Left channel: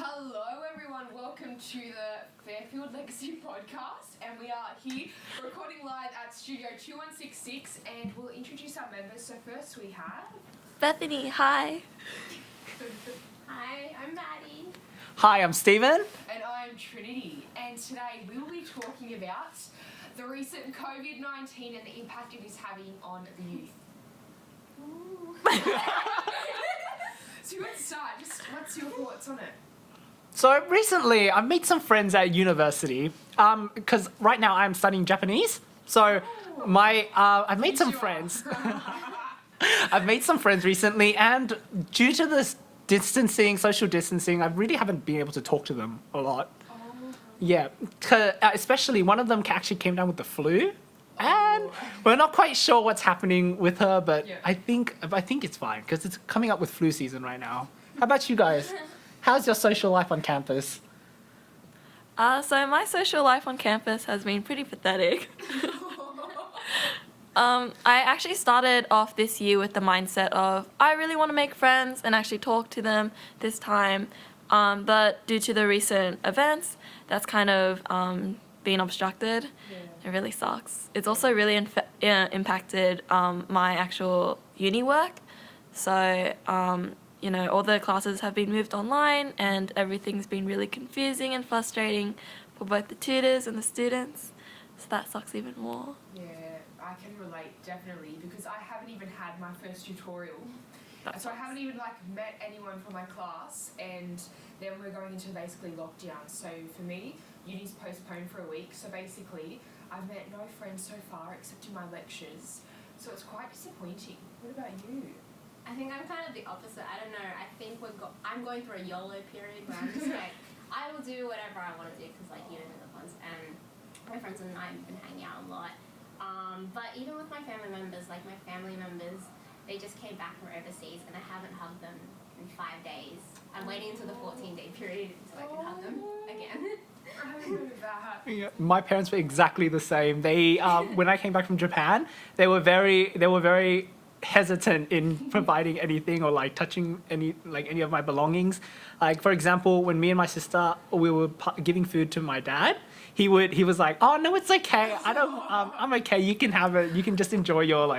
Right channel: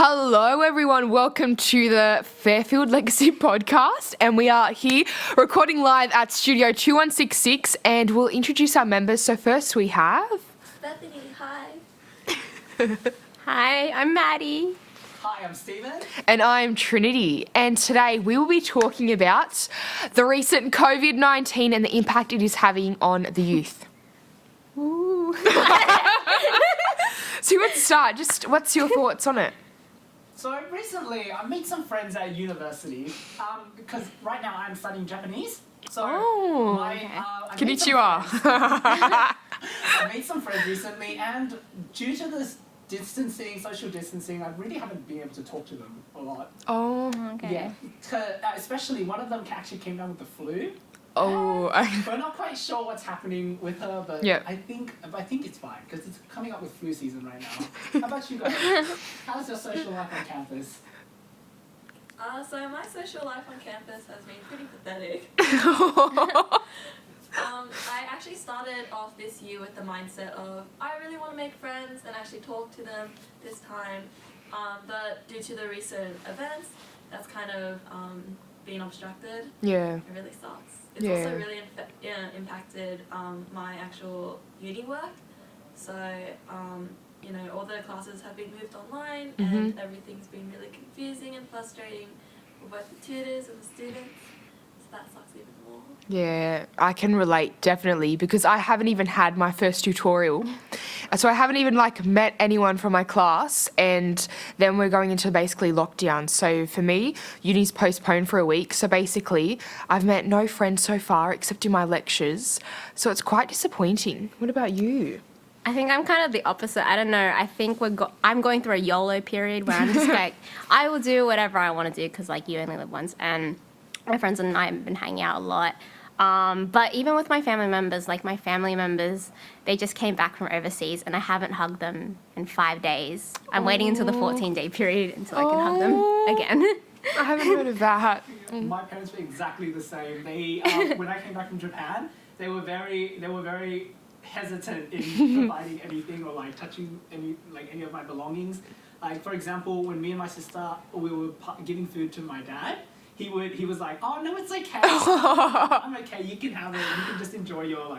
Hello, everyone. Welcome to the Fairfield Legacy Podcast. And we are here recording live at Studio 2166. And we'll introduce our members. So first we have... Bethany, hi. Hi, I'm Maddie. Hi, I'm Stephen. And I'm Trinity. And today we will be talking about the recent COVID-19 and the impact it is having on the youth. Ooh. So let's start. Just what's your thoughts on it? So recently, I've made some friends at university because right now I'm studying Japanese. So I've made some friends. I've made some friends recently, and due to this social distancing, I really haven't been able to talk to them a lot. Oh, okay. Yeah, especially one of them actually came down with the flu. Oh, We're not quite sure what's happening with her, but yeah. I think it's fine because it's coming up with flu season right now. How about you guys? How's your social life on campus? So my social life on campus has been pretty pathetic. I actually started off this year with the mindset of I really want to make friends and actually talk to them this time, but due to the recent events, that's kind of being obstructed. Yeah. It really sucks. It's also really impacted my actual uni work. So, all the classes have been moved online and everything's been really confusing and frustrating for both the tutors and the students. So that sucks even more. Yeah, I can relate definitely because I haven't even had my first tutorial. So I haven't even met anyone from my class, and then we're going into basically lockdown. So for me, uni's postponed for a week. So basically, I've met no friends so far except in my lectures. So it's quite disappointing. What about you? I think I'm kind of the opposite. I don't know. I think I'm going through a YOLO period where I'm just I will do whatever I want to do because you only live once, and my friends and I have been hanging out a lot. But even with my family members, they just came back from overseas and I haven't hugged them in 5 days. I'm waiting until the 14-day period until I can hug them again. I haven't heard of that. Yeah, my parents were exactly the same. They, when I came back from Japan, they were very hesitant in providing anything or touching any of my belongings. For example, when me and my sister we were giving food to my dad, he was like, "Oh no, it's okay. I'm okay. You can have it. You can just enjoy your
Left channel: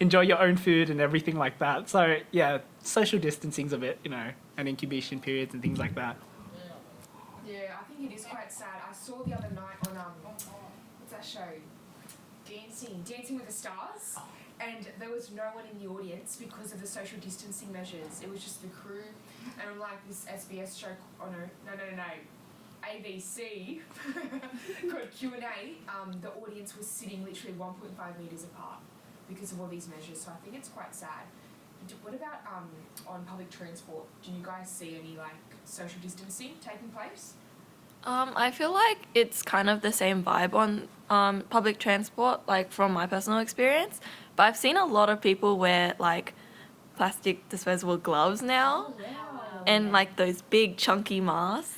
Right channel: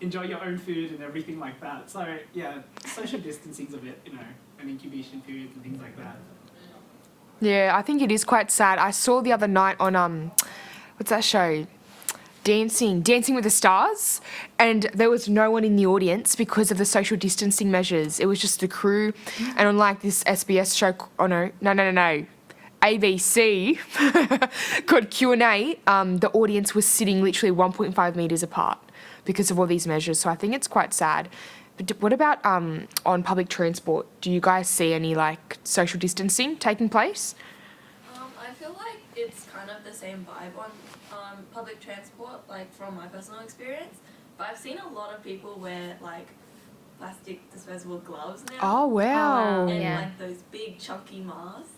enjoy your own food and everything like that." So yeah, social distancing's a bit, and incubation periods and things like that. Yeah, I think it is quite sad. I saw the other night on what's that show? Dancing with the Stars, and there was no one in the audience because of the social distancing measures. It was just the crew, and on this SBS show, ABC called Q&A, the audience was sitting literally 1.5 metres apart because of all these measures. So I think it's quite sad. But what about on public transport? Do you guys see any social distancing taking place? I feel like it's kind of the same vibe on public transport, from my personal experience. But I've seen a lot of people wear plastic disposable gloves now. Oh wow! And those big chunky masks,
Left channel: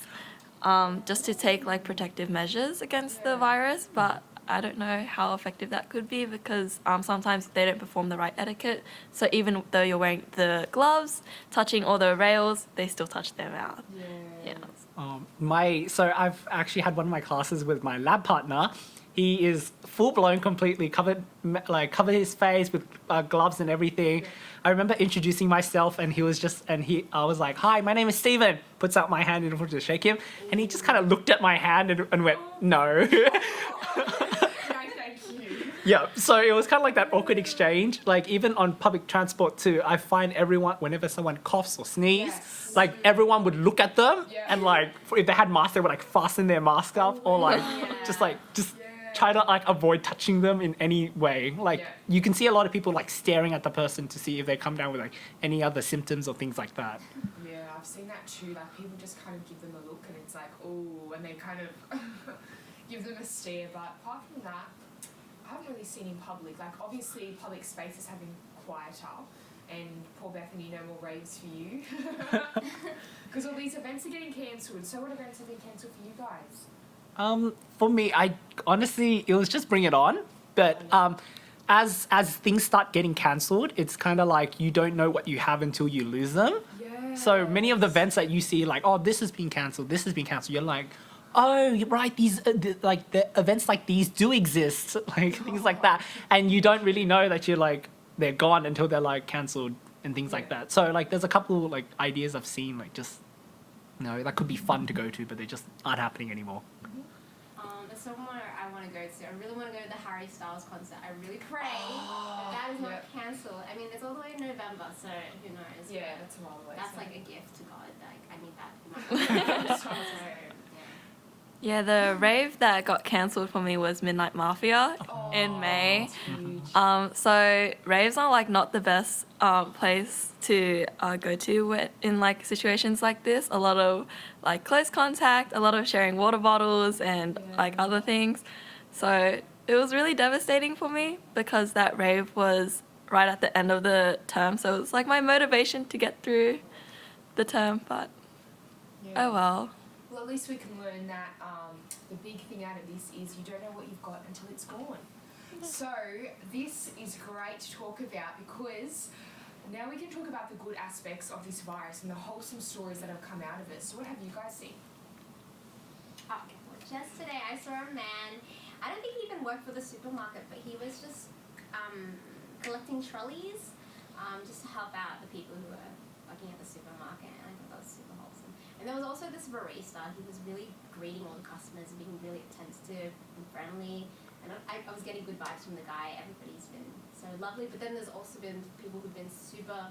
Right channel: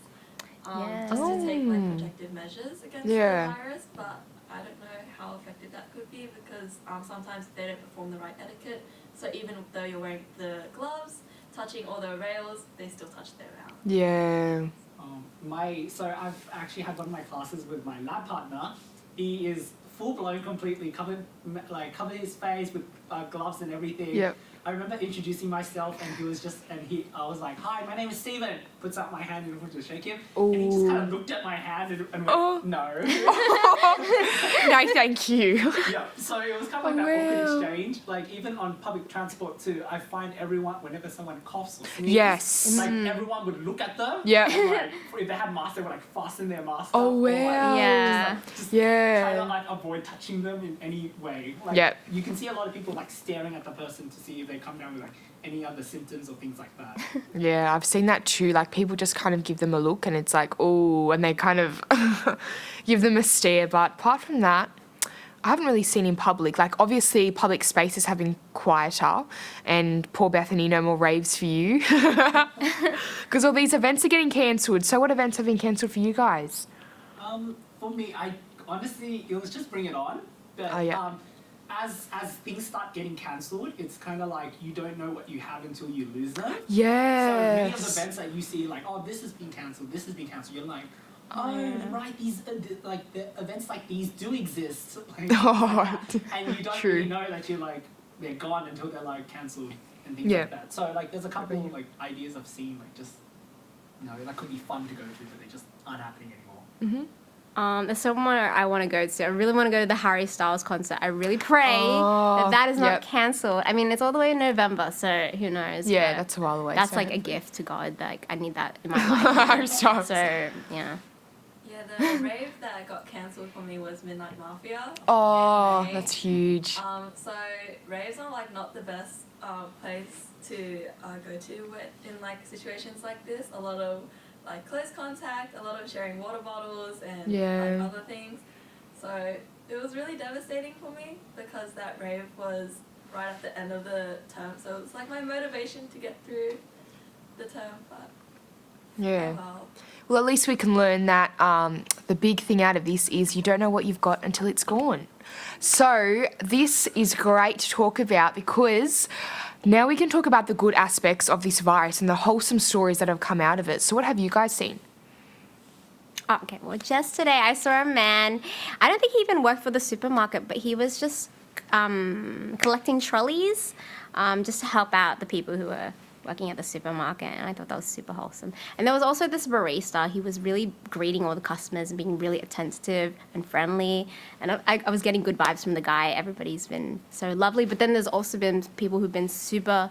just to take protective measures against the virus. But I don't know how effective that could be because sometimes they don't perform the right etiquette. So even though you're wearing the gloves, touching all the rails, they still touch them out. Yeah. So I've actually had one of my classes with my lab partner. He is full blown, completely covered his face with gloves and everything. Yep. I remember introducing myself, and I was like, "Hi, my name is Stephen." Puts out my hand in order to shake him, and he just kind of looked at my hand and went, "No." No, thank you. Yeah, so it was kind of that awkward exchange. Even on public transport too, I find everyone, whenever someone coughs or sneezes, Yes. Everyone would look at them. Yeah. And if they had masks, they would fasten their mask up, or just try to avoid touching them in any way. You can see a lot of people staring at the person to see if they come down with any other symptoms or things like that. Yeah, I've seen that too. People just kind of give them a look and it's oh, and they kind of give them a stare. But apart from that, I haven't really seen in public. Obviously, public spaces have been quieter, and poor Bethany, no more raves for you. Because all these events are getting cancelled. So what events have been cancelled for you guys? For me, I honestly, it was just Bring It On. But as things start getting cancelled, it's kind of like you don't know what you have until you lose them. Yeah. So many of the events that you see, like, oh, this has been cancelled, this has been cancelled. You're like, oh, right, these like the events like these do exist, like things like that, and you don't really know that you're like they're gone until they're like cancelled and things like that. So like, there's a couple like ideas I've seen, like just that could be fun to go to, but they just aren't happening anymore. There's somewhere I want to go to. I really want to go to the Harry Styles concert. I really pray that is not cancelled. I mean, it's all the way in November, so who knows? Yeah, but that's a while away. that's so. like a gift to God. Like, I need that in my life. So, yeah. Yeah, the rave that got cancelled for me was Midnight Mafia Oh, in May. that's huge. So raves are like not the best place to go to in like situations like this. A lot of like close contact, a lot of sharing water bottles and like other things. So it was really devastating for me because that rave was right at the end of the term. So it was like my motivation to get through the term, but oh well. Well, at least we can learn that the big thing out of this is you don't know what you've got until it's gone. So this is great to talk about because now we can talk about the good aspects of this virus and the wholesome stories that have come out of it. So what have you guys seen? Okay, well, just today I saw a man. I don't think he even worked for the supermarket, but he was just collecting trolleys just to help out the people who were working at the supermarket, and I thought that was super wholesome. And there was also this barista. He was really greeting all the customers and being really attentive and friendly, and I was getting good vibes from the guy. Everybody's been so lovely, but then there's also been people who've been super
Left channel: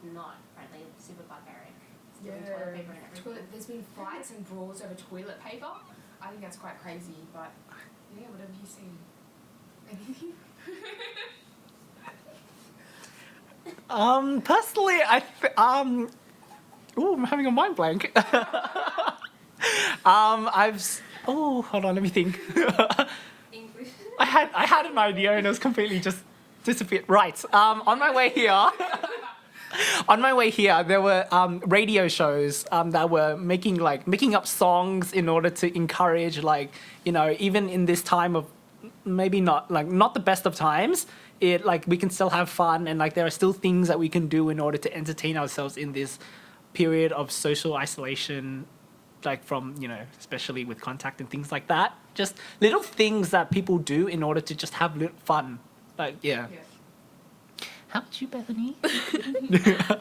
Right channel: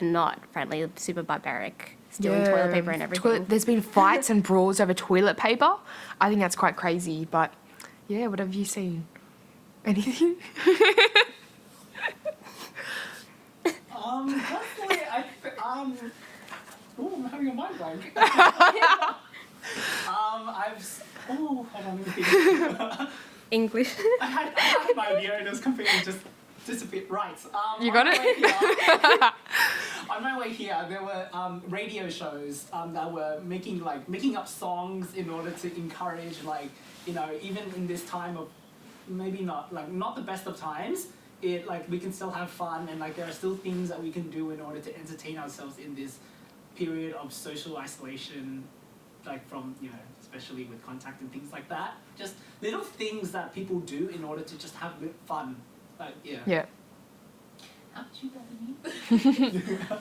not friendly, super barbaric, stealing toilet paper and everything. There's been fights and brawls over toilet paper. I think that's quite crazy, but yeah, what have you seen? Anything? Personally, I'm having a mind blank. Hold on, let me think. English. I had an idea and it was completely just disappeared. Right. On my way here, there were radio shows that were making up songs in order to encourage, even in this time of maybe not the best of times. We can still have fun, and there are still things that we can do in order to entertain ourselves in this period of social isolation, from especially with contact and things like that. Just little things that people do in order to just have fun. Yeah. How about you, Bethany?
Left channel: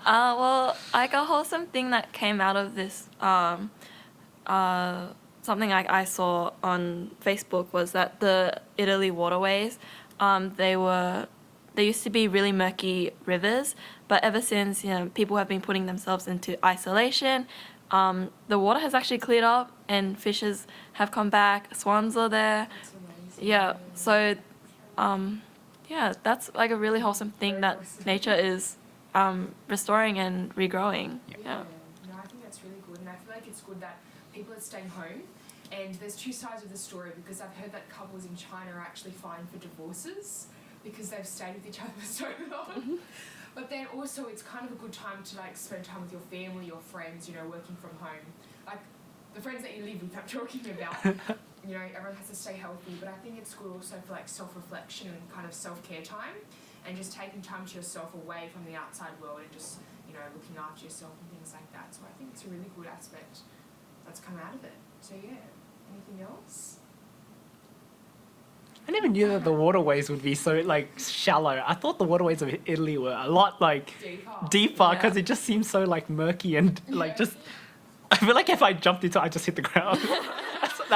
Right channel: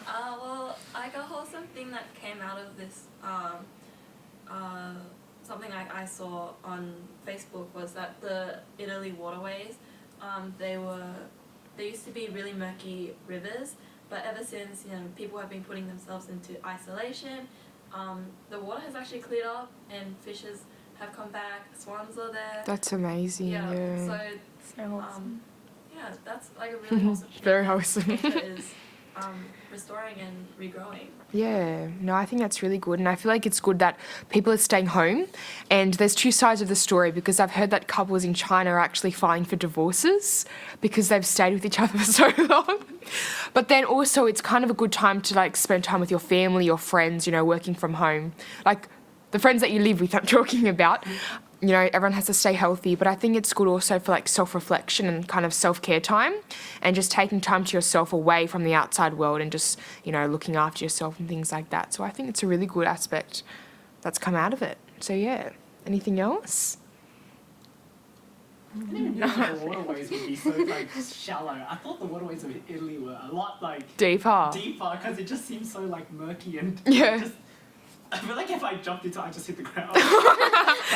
Well, like a wholesome thing that came out of this, something I saw on Facebook was that the Italy waterways, they used to be really murky rivers, but ever since people have been putting themselves into isolation, the water has actually cleared up and fishes have come back. Swans are there. That's amazing. Yeah. So yeah, that's like a really wholesome thing that wholesome. nature is restoring and regrowing. Yeah, no, I think that's really good. And I feel like it's good that people are staying home. And there's two sides of the story, because I've heard that couples in China are actually filing for divorces because they've stayed with each other for so long. But then also it's kind of a good time to spend time with your family, your friends, working from home. The friends that you live with, I'm talking about. Everyone has to stay healthy, but I think it's good also for self-reflection and kind of self-care time, and just taking time to yourself away from the outside world and just, looking after yourself and things like that. So I think it's a really good aspect that's come out of it. So yeah, anything else? I never knew that the waterways would be so shallow. I thought the waterways of Italy were a lot deeper because it just seems so murky and just. I feel like if I jumped into it, I'd just hit the ground.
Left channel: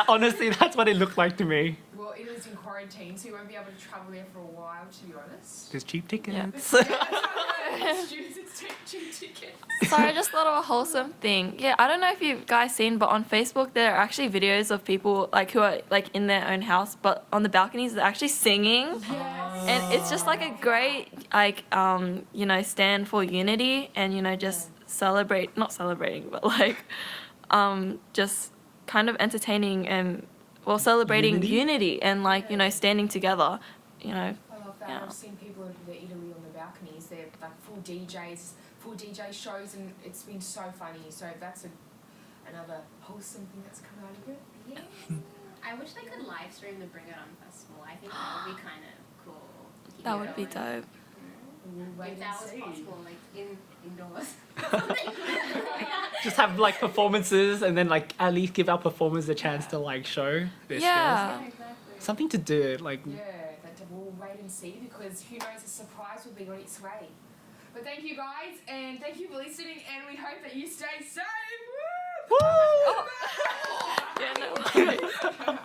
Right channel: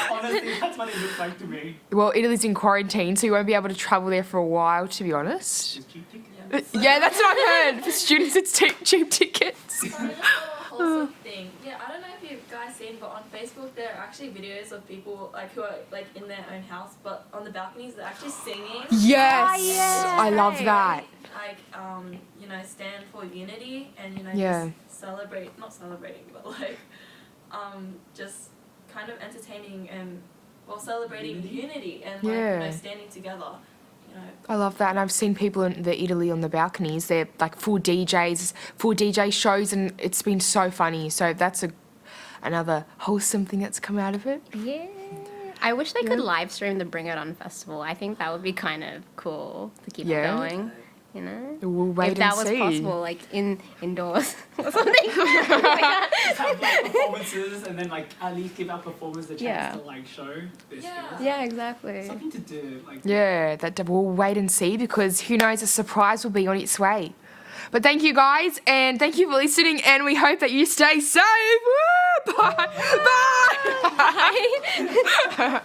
Honestly, that's what it looked like to me. Well, Italy's in quarantine, so you won't be able to travel there for a while, to be honest. Just cheap tickets. Yeah, that's what I heard. For students, it's cheap tickets. So I just thought of a wholesome thing. Yeah, I don't know if you guys seen, but on Facebook there are actually videos of people who are in their own house, but on the balconies they're actually singing. Yes, And it's just I love a that. great stand for unity and just celebrate, not celebrating, but just kind of entertaining and celebrating unity and standing together. I love that, and I've seen people in Italy on the balconies. They're full DJ shows, and it's been so funny. So that's another wholesome thing that's come out of it. Yeah. I wish they could live stream the Bring It On festival. I think that would be kind of cool to keep Yeah. it Really going. dope. You know, We'll wait if that and was see. possible, like indoors or something. Just have like performances and then like at least give our performers the chance Yeah. to like show their Yeah. skills. Yeah, exactly. Something to do, like Yeah, we'll wait and see because who knows, a surprise will be on its way. But thank you guys, and thank you for listening, and we hope that you stay safe. Woo! Bye. Bye.